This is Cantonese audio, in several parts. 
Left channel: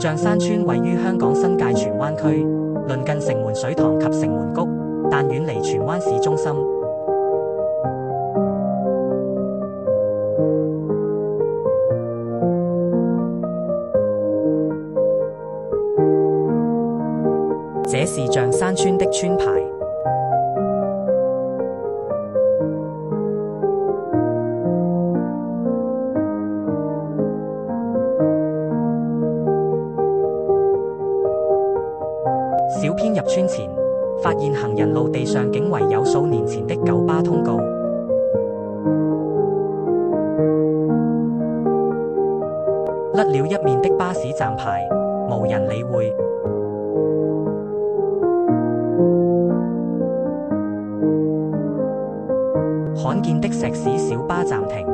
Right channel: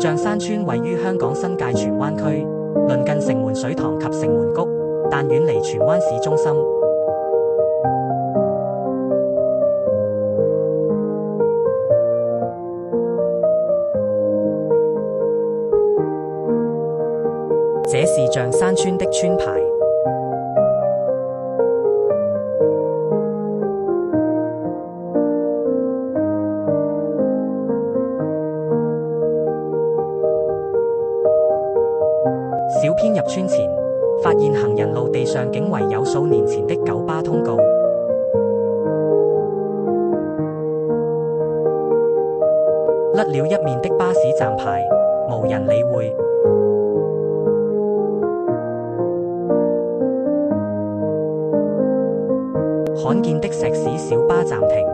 象山村位於香港新界荃灣區，鄰近城門水塘及城門谷，但遠離荃灣市中心。這是象山村的村牌。小編入村前，發現行人路地上竟遺有數年前的九巴通告，甩了一面的巴士站牌，無人理會。罕見的石屎小巴暫停。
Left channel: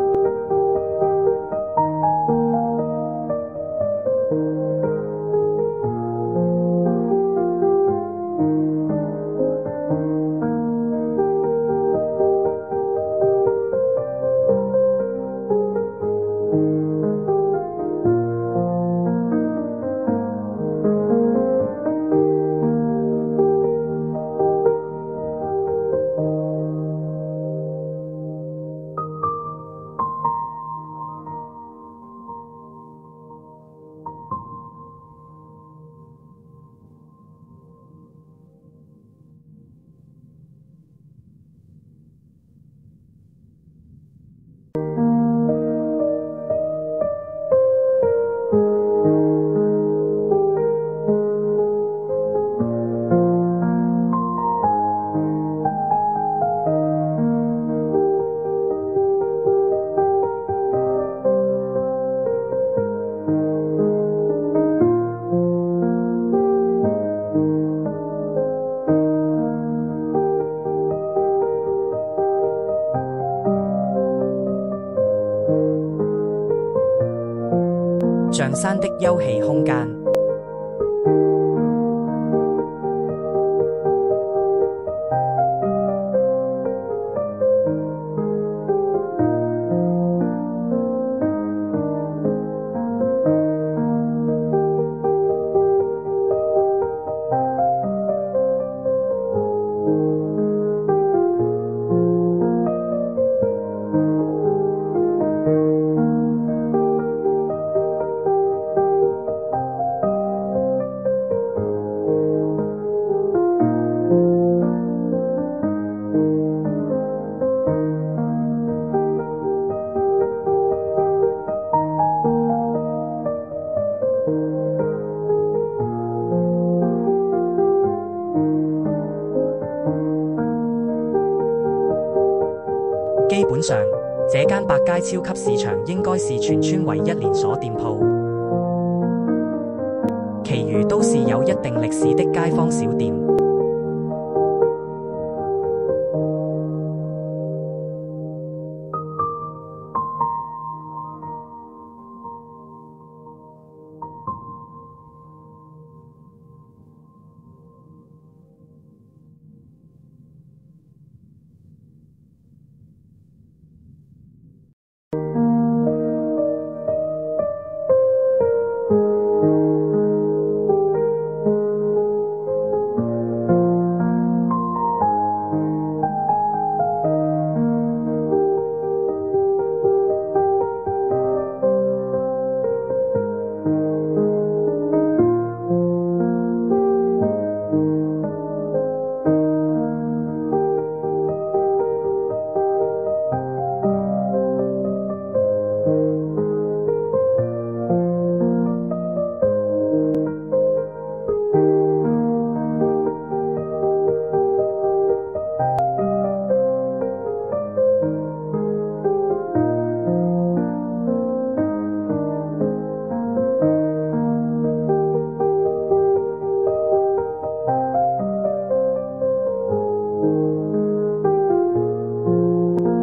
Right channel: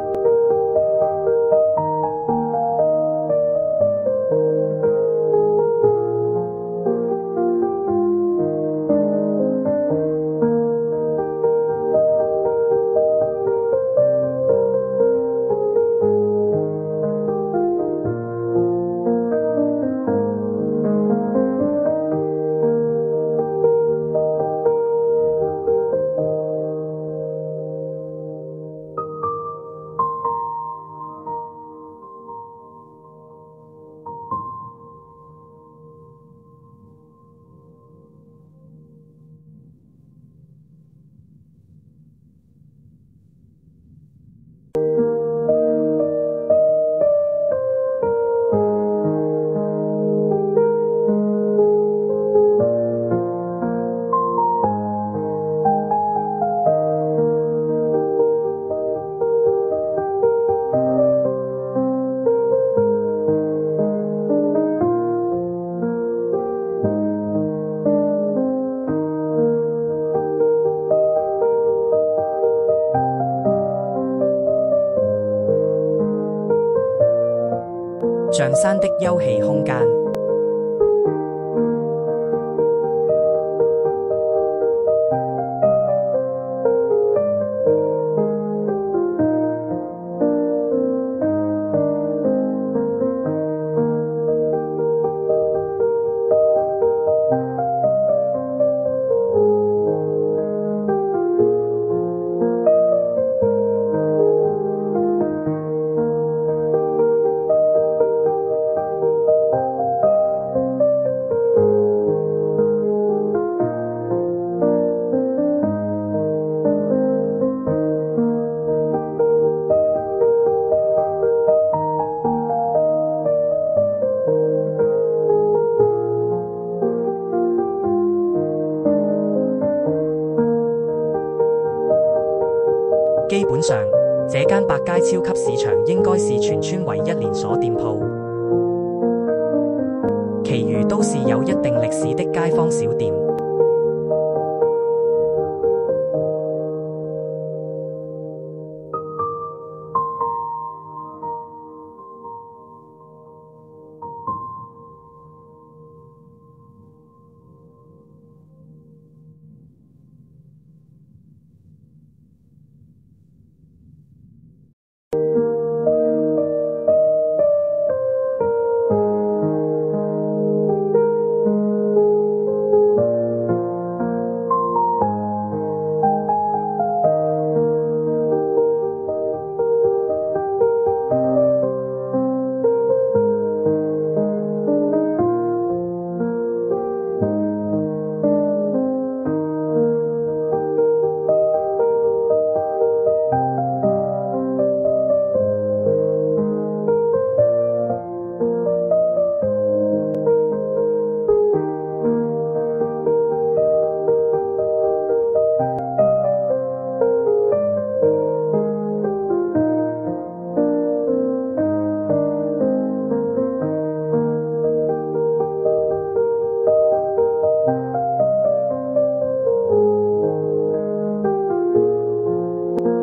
象山的休憩空間。基本上，這間百佳超級市場應該是全村唯一連鎖店鋪，其餘都是有一定歷史的街坊小店。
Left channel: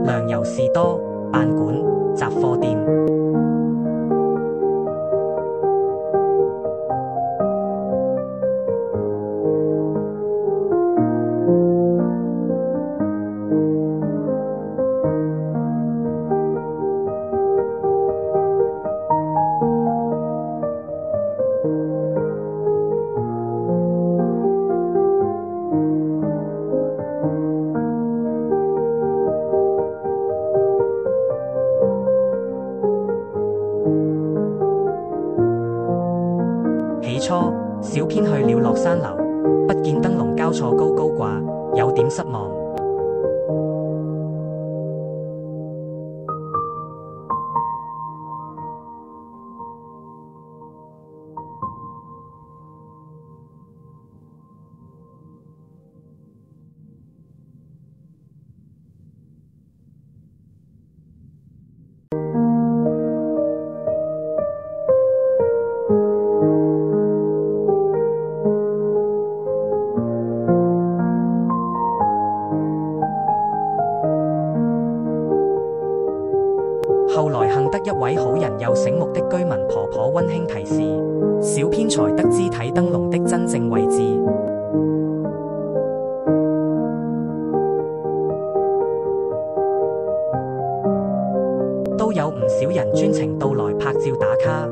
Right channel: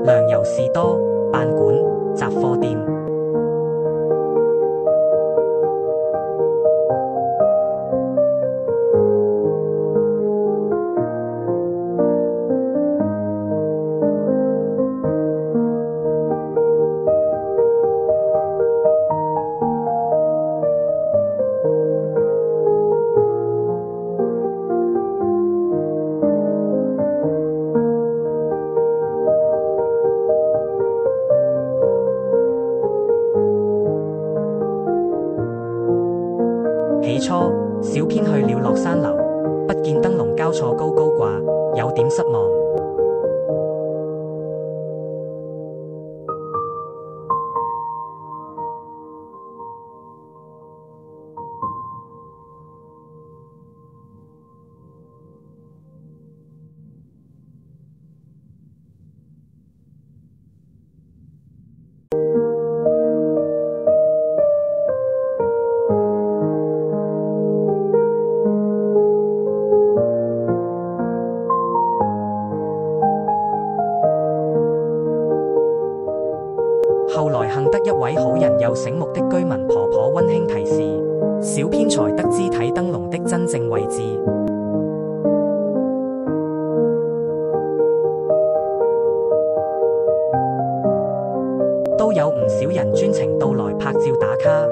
糧油士多、辦館、雜貨店。初，小編去了落山樓，不見燈籠交錯高高掛，有點失望。後來幸得一位好人又醒目的居民婆婆溫馨提示，小編才得知睇燈籠的真正位置。都有唔少人專程到來拍照打卡。